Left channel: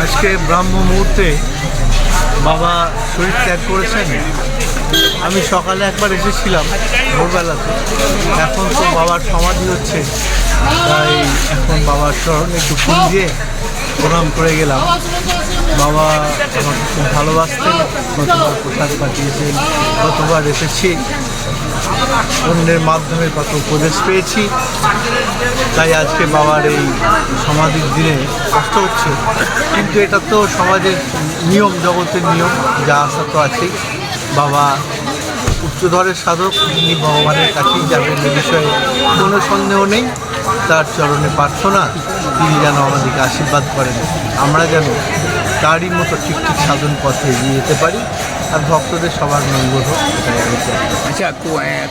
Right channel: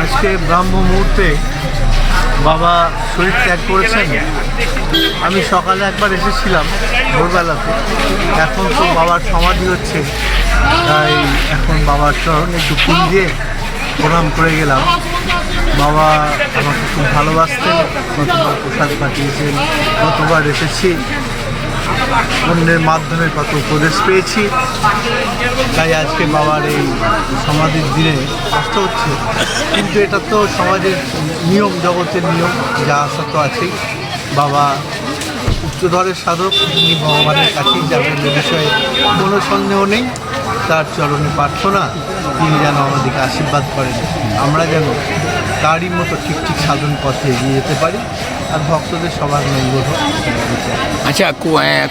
আজকে ব্রাহ্ম মুহূর্তে বাবা শরীর ত্যাগ করেছেন। আমি সকালে একবার এসেছিলাম ভোরবেলাতে। এখন তো বাবার সমাধি হচ্ছে। তাই এখন বাবার স্মরণে একটু ফুল দিয়ে প্রণাম করে গেলাম। বাবা আমাকে খুব ভালোবাসতেন কতবার প্রসাদ পাঠিয়েছেন কতবার এসেছি। অন্যের মাধ্যমে কত উপদেশ পেয়েছি। তাই আজকে বাবার এই সমাধির দিনে কষ্ট হচ্ছে। কিন্তু এটা তো সমাজের নিয়ম, জগতের নিয়ম, যা আসা তো আছেই। বাবা উচ্চধরের সাধক, তিনি ভগবানের কাছেই যাবেন এ বিষয়ে কোনো সন্দেহ নেই। তার চরণে প্রার্থনা, তিনি যেন আমাদেরকে আশীর্বাদ করেন। আমরা যেন তারই মতো ঠিক ঠিক সাধন পথে এগিয়ে যেতে পারি আর ভক্তদের সবার মঙ্গল হোক এটাই আমি চাই। আচ্ছা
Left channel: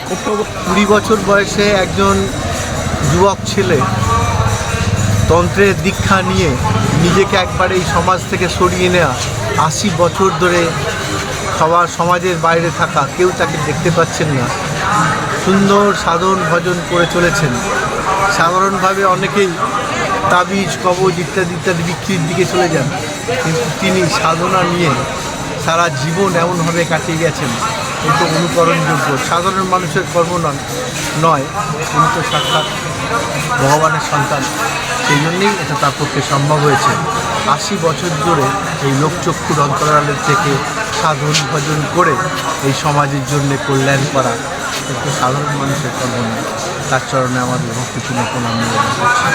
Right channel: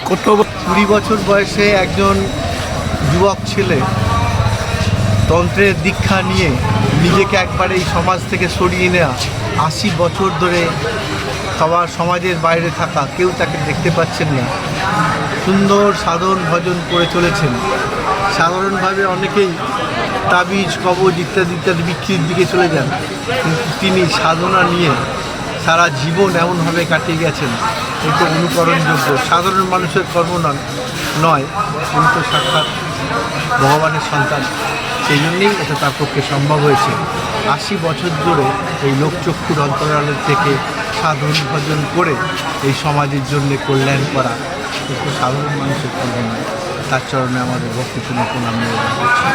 কত কুড়ি বছর বয়সে একজন যুবক ছেলে তন্ত্রের দীক্ষা নিয়ে নিজেকে একবারে এই সমাজ থেকে সরিয়ে নেওয়া আশি বছর ধরে সবার সমাজের বাইরে থাকা কেউ তাকে দেখতে পাচ্ছেন না। সুন্দর সাধন ভজন করে চলেছেন। সাধারণভাবে অনেকেই তাবিজ কবজ ইত্যাদি ইত্যাদি বিক্রির দিকে চলে যান। কিন্তু তিনি সাধনা নিয়ে সারা জীবন এমনভাবে কাটিয়ে গেছেন। তো অনুকরণযোগ্য। সাধারণ মানুষের কর্ম নয় উনি তো সাক্ষাৎ ভগবানের সন্তান। সেই জন্যেই এটা তার পক্ষে সম্ভব হয়েছে। আশি বছর ধরে এই লোকচক্ষুর অন্তরালের থেকে সাধন ভজন করে এই সমাজের জন্য কল্যাণ করা কিন্তু সাধারণ মানুষের কর্ম নয়। তার চরণে আমাদের ভক্তিপূর্ণ প্রণাম করছি।